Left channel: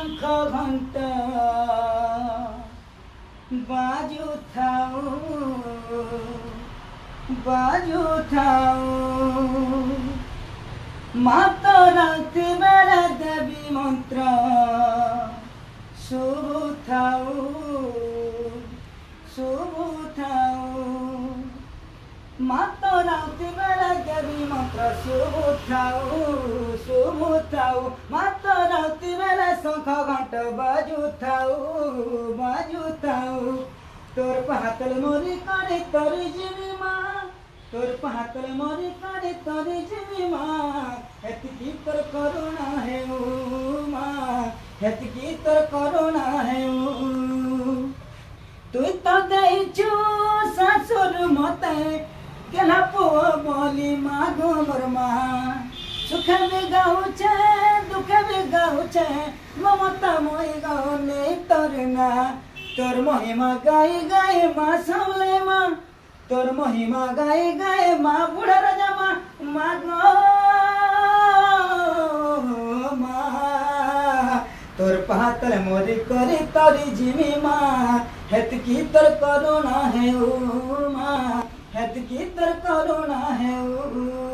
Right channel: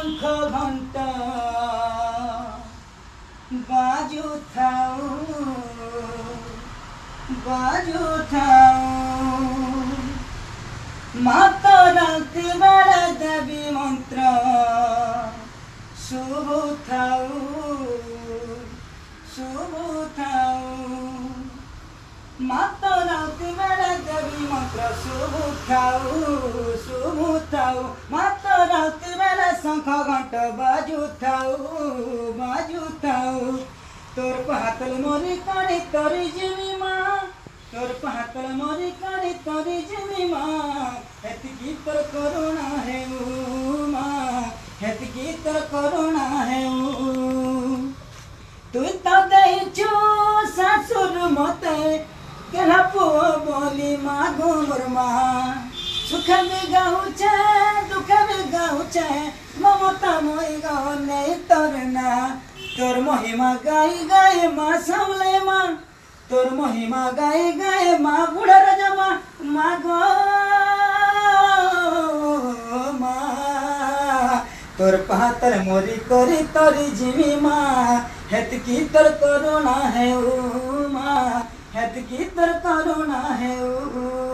शंख घंटा बाजू थाऊ माता राति बेला देवी मंत्र शुभ थाऊ माता राति बेला देवी मंत्र शुभ थाऊ माता राति बेला शंख घंटा बाजू थाऊ तोर पहातल मोरी काने तोरी जीवी माँ तोर पहातल मोरी काने तोरी जीवी माँ हेतकी तोर करुणा है ओ माँ हेतकी तोर करुणा है ओ तु तो देइछु सासुर मते केला पुओ बोली माँ गोमर माँ सुख भी गाउछे दुख भी गाउछे ममता मोई गाओ नहीं तोरना तोर महिमा गाई गाए माँ सामले माँ तोर महिमा गाई गाए माँ बूढ़ा राजा माँ गो माँ तोर पहातर मोरी करी तोरी जीवी माँ हेतकी तोर करुणा है ओ माँ हेतकी तोर करुणा है ओ